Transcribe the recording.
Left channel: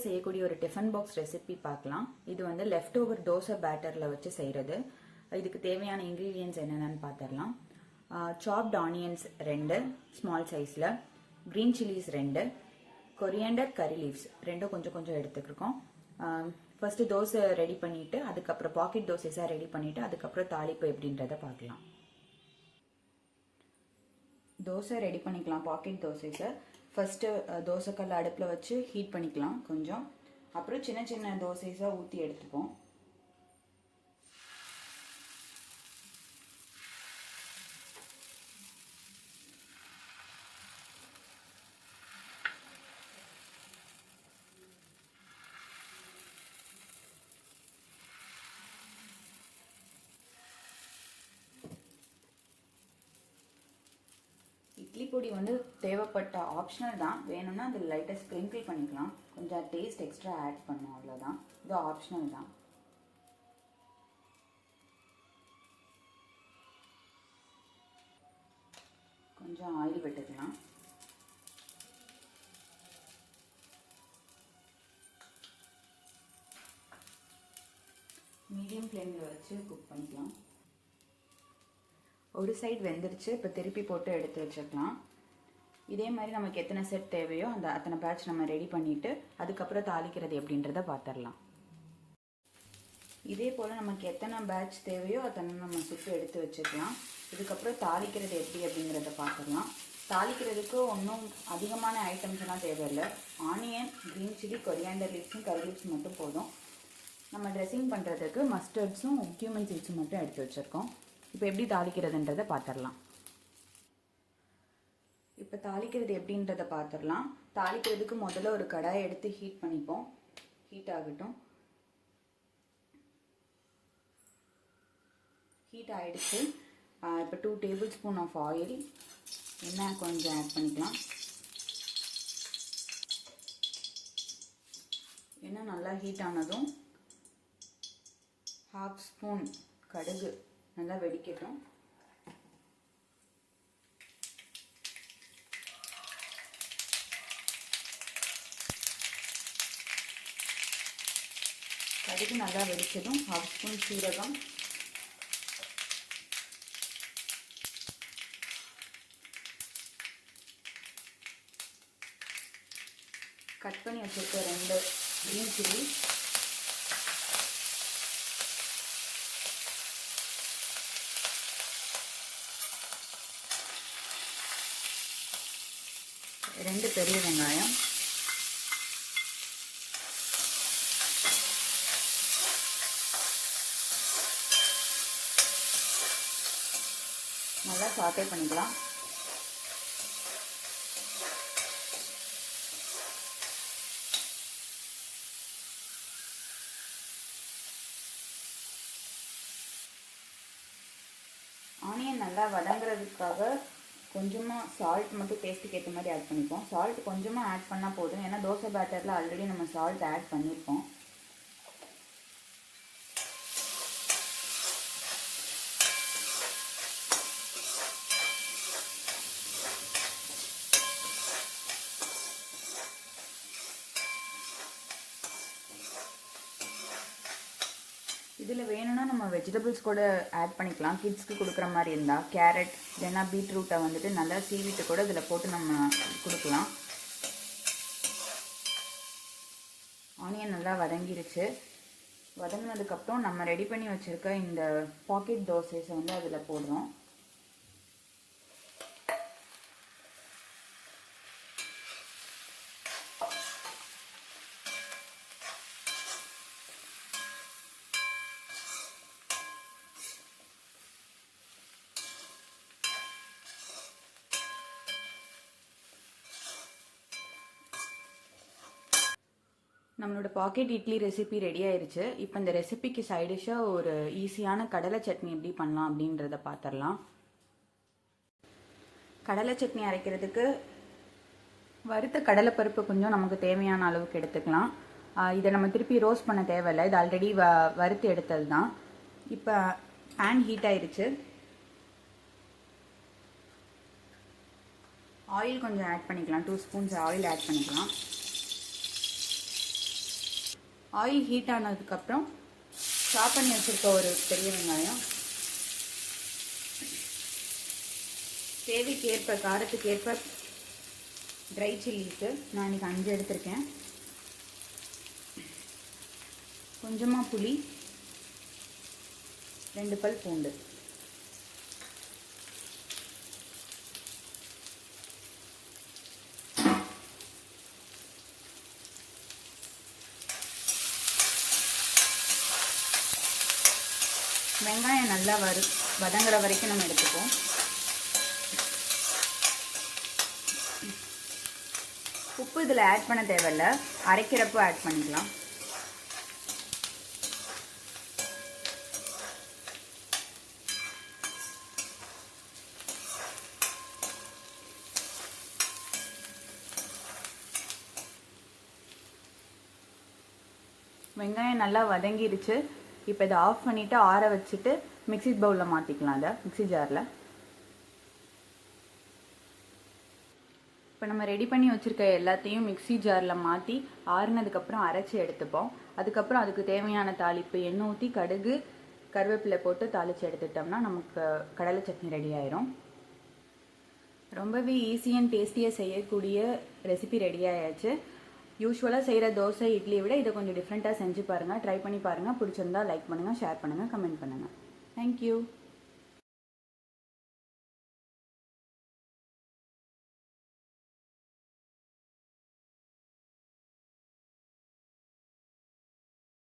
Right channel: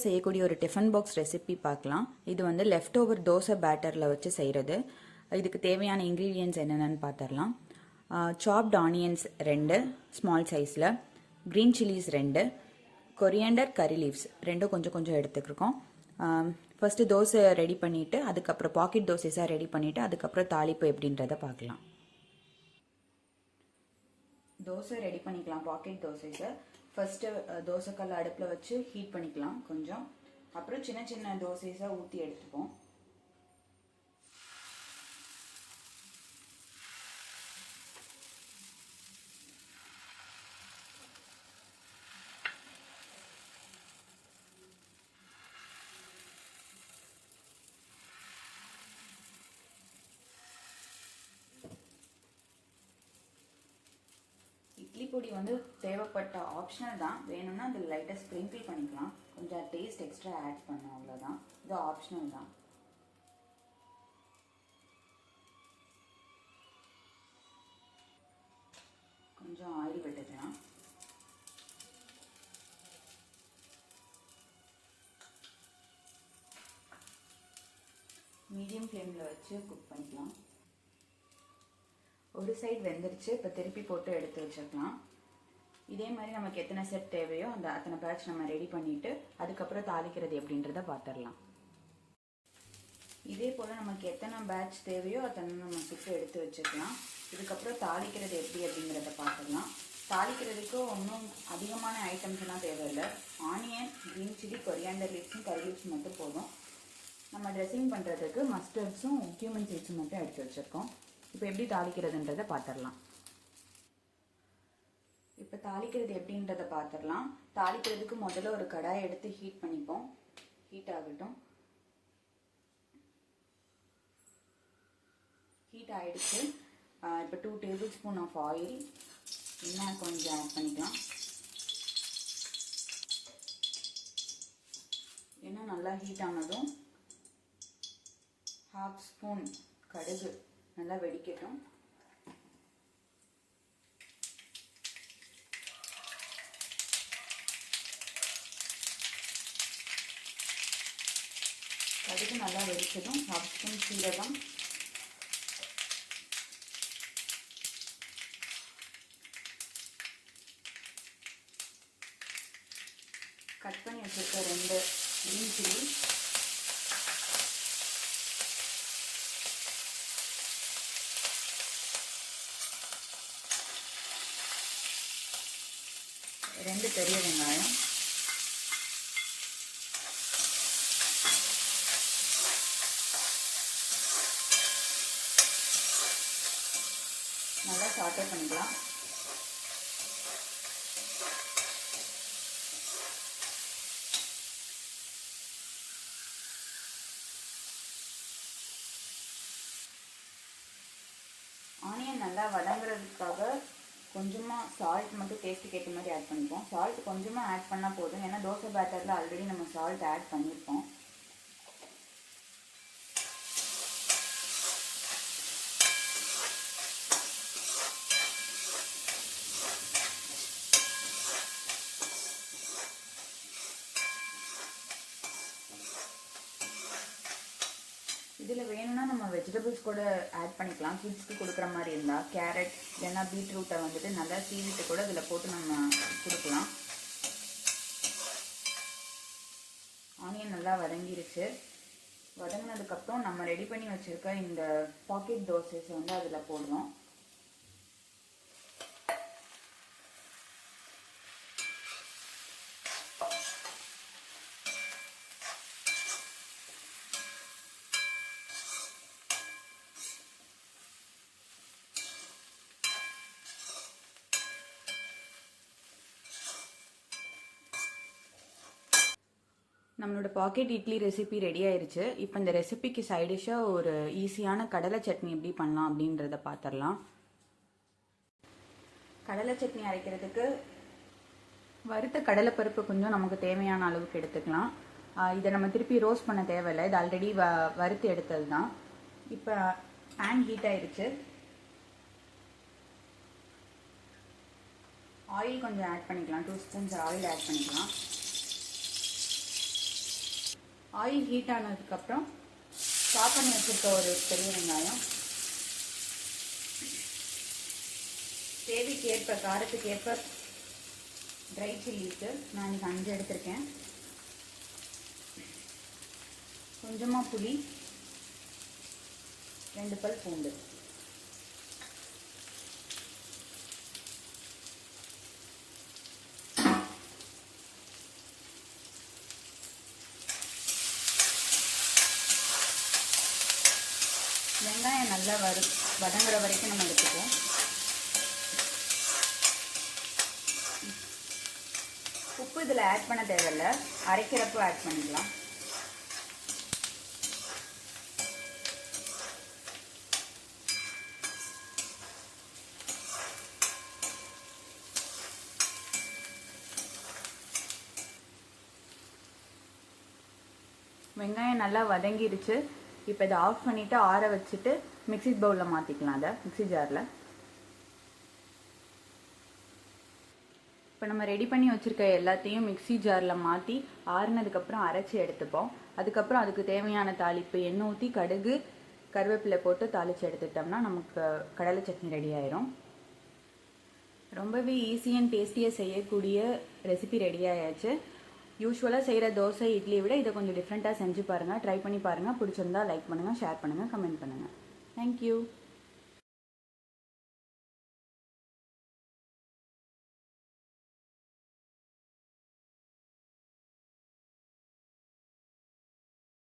ஈஸியாக செய்யக்கூடிய ஒரு டிஃபன் பாக்ஸ் ரெசிபி பார்க்கலாம். இது வந்து லெஃப்ட் ஓவர் தோசை பேட்டரில் வச்சு செய்கிறது இதுக்கு தேவையான இன்க்ரீடியன்ஸ் என்னென்னு பார்த்துடலாம். சாப்ட் ஆனியன்ஸ் ரெண்டு ஸ்மால் சைஸில் க்ரீன் சில்லிஸ் ரெண்டு கொரியண்டர் கரி லீவ்ஸ் ரெண்டும் கொஞ்சம் கொஞ்சம் எடுத்துக்கிருக்கோம். ஃபர்ஸ்ட் தோசை ரெடி பண்ணிவிட்டு அதுக்கப்புறம் பாக்கெட் தோசைஸாக ரெடி பண்ணிவிட்டு அதுக்கப்புறம் தாளிப்பு எப்படின்றத பார்க்கலாம். தோசை ரெடி பண்ணிக்கலாம் பாக்கெட் தோசைஸை ஃபஸ்ட்டு uh, தோசைக்கல் அடுப்பில் வச்சு ஹீட் பண்ணிக்கலாம் கொஞ்சம். அப்புறம் சின்ன சின்ன தோசைஸாக ஊற்றி எடுத்துப்போம். இட்லி பொடி வந்து தேவைப்பட்ட ஆப்ஷனல் தான். வேணும்னா அது லைட்டாக ஸ்ப்ரிங்கிள் பண்ணிக்கலாம். கொஞ்சம் டேஸ்ட் எக்ஸ்ட்ரா ஆட் பண்ணணும் அவ்வளோதான் இது ஆப்ஷனல் தான். கொஞ்சம் ஆயில் விட்டுக்கலாம். மீடியம் ஃப்ளேமில் வச்சு குக் பண்ணிக்கலாம். ஒரு சைடு வெந்துருச்சு. இப்போ திருப்பி போட்டு எடுத்து வச்சுக்கலாம் இதே மாதிரி நமக்கு எத்தனை செட் தேவையோ அந்த அத்தனை பேட்ச் நம்ம ரெடி பண்ணிவிட்டு அதுக்கப்புறம் தாளிக்கிறது எப்படின்றத பார்த்துடலாம் இதே போல் நமக்கு எத்தனை பேட்ச் தேவையோ அத்தனை நம்ம சுட்டு எடுத்து வச்சுக்கலாம் இதுக்கப்புறம் தாளிக்கிறது எப்படி அப்படிங்கிறத பார்த்துடலாம் தாளிக்கிறதுக்கு ஒன்றும் அதிகமான ஐட்டம்ஸ் எல்லாம் தேவையில்லை. ஆனியன் க்ரீன் சில்லி கொரியாண்டர் லீவ்ஸும் கரி லீவ்ஸ் மட்டும் போதும். நம்ம ட்ரெஸ்ஸிங் பண்ணுறதுக்கு மஸ்டர்ட்ஸும் கியூமன் சீட்ஸும் மட்டும் எடுத்து வச்சுருக்கோம். இப்போ எப்படி தாளிக்கிறதுன்றதை பார்த்துடலாம். இப்போ தாளிக்கிறது எப்படின்றத பார்த்துடலாம். தாளிக்கிறதுக்கு முதல்ல ஒரு கடாயை எடுத்து ஹீட் பண்ணிப்போம். ஹீட் ஆகட்டும். ஹீட் ஆகிடுச்சு இப்போ two table spoon of oil எண்ணெய் கொஞ்சம் ஆட் பண்ணிக்கலாம். எண்ணெய் நல்லா ஹீட் ஆனதும் ஹாஃப் ஸ்பூன் கடுகு. நல்லா வெடிக்கட்டும். கடுகு நல்லா வெடிச்சதும் ஹாஃப் ஸ்பூன் சீரகம். கட் பண்ணி வச்சிருக்க ரெண்டு கிரீன் சில்லி ரெண்டு பெரிய வெங்காயம். நல்லா சாட்டே பண்ணிக்கலாம். ஆனியன் நல்லா வதங்குறதுக்காக கொஞ்சமாக சால்ட் மட்டும் டேஸ்ட்டுக்கு ஏற்ற மாதிரி ஆட் பண்ணிப்போம். சால்ட் கொஞ்சமாக ஆட் பண்ணால் போதும். ஏன்னா தோசை பேட்டரில் ஆல்ரெடி நம்ம சால்ட் ஆட் பண்ணியிருப்போம் இதில் வேணும்னா நம்ம வெஜிடபிள்ஸ் கூட ஆட் பண்ணிக்கலாம். கிட்ஸ்க்கு கொடுக்குற மாதிரி இருந்தால் கேரட் இல்லைன்னா பீட்ரூட்டை வந்துட்டு நல்லா சீவிட்டு கூட இதில் போட்டு நம்ம கொடுக்கலாம். ஆனியன் நல்லா வதங்கிருச்சு. வதங்கினதுக்கப்புறம் நம்ம ரெடி பண்ணி வச்சுருக்க இந்த பாக்கெட் தோசைஸை வந்து அதில் போடுறோம். நம்மளோட பாக்கெட் இட்லி ரெசிபி ரெடி ஆயிருச்சு. இப்போ இந்த ரெசிபிக்கு சைடிஷாக ஒரு ஈஸியான கடலை சட்னி எப்படி பண்ணலாம் அப்படின்றத பார்த்துடலாம் கடலை சட்னி அரைக்கிறதுக்கு வறுத்த கடலைப்பருப்பு கொஞ்சம் நமக்கு தேவையான அளவுக்கு எடுத்துக்கலாம். இதை நம்ம திருப்பி ரோஸ்ட் பண்ண தேவையில்லை. இது ஆல்ரெடி வ வறுத்து எடுத்தது தான் இப்போ பேன் ஹீட் ஆயிருச்சு. ஆயில் கொஞ்சம் ஆட் பண்ணிக்கலாம். டூ ஸ்பூன்ஸ் ஆயில் ஆட் பண்ணிக்கலாம். ஆயில் ஹீட் ஆனதுக்கப்புறம் சாப் பண்ணி வச்சுருக்க ஒரு பெரிய வெங்காயம். தேவைக்கு ஏற்ப காரத்துக்கு ஏற்ப ட்ரை சில்லிக்கு நான் இன்னைக்கு அஞ்சு எடுத்திருக்கேன். கொஞ்சமாக புளி ரெண்டு பல் பூண்டு. வெங்காயம் நல்லா வரு வதங்குற வரைக்கும் நம்ம எடுத்துப்போம் உப்பு இதில் ஆட் பண்ண தேவையில்ல. அரைக்கிறப்போ ஆட் பண்ணிக்கலாம். வெங்காயம் நல்லா வதங்கிருச்சு. இப்போ இதை ஆஃப் பண்ணிவிட்டு ஆற வச்சுட்டு மிக்ஸி பவுலில் மாற்றிக்கலாம் அதை மிக்ஸி ஜாரில் இப்போ நம்ம ரெடி பண்ணி வச்சுருக்க எல்லாத்தையும் மிக்ஸி ஜாரில் மாற்றி ஆறுனதுக்கப்புறம் அரைச்சி எடுத்துப்போம். அதுக்கப்புறம் அதுக்கு தேவையான தாளிப்பு எண்ணெய் ஊற்றி கடுகு கருவேப்பிலை போட்டு தாளித்து எடுத்துட்டோம்னா நமக்கு கடலை சட்னி ரெடி ஆயிரும். ரொம்பவே ஈஸி அண்ட் டேஸ்டியாக செய்யக்கூடிய ரெசிபி ரெடி ஆயாச்சு. யூஸ்வலாக செய்கிற தோசை இட்லியை விட இதை கொஞ்சம் டிஃப்ரெண்ட்டாக செஞ்சு பாருங்கள் ட்ரை பண்ணி பாருங்கள் பிடிச்சிருந்தா லைக் பண்ணுங்கள் ஷேர் பண்ணுங்கள் கமெண்ட் பண்ணுங்கள் தேங்க்யூ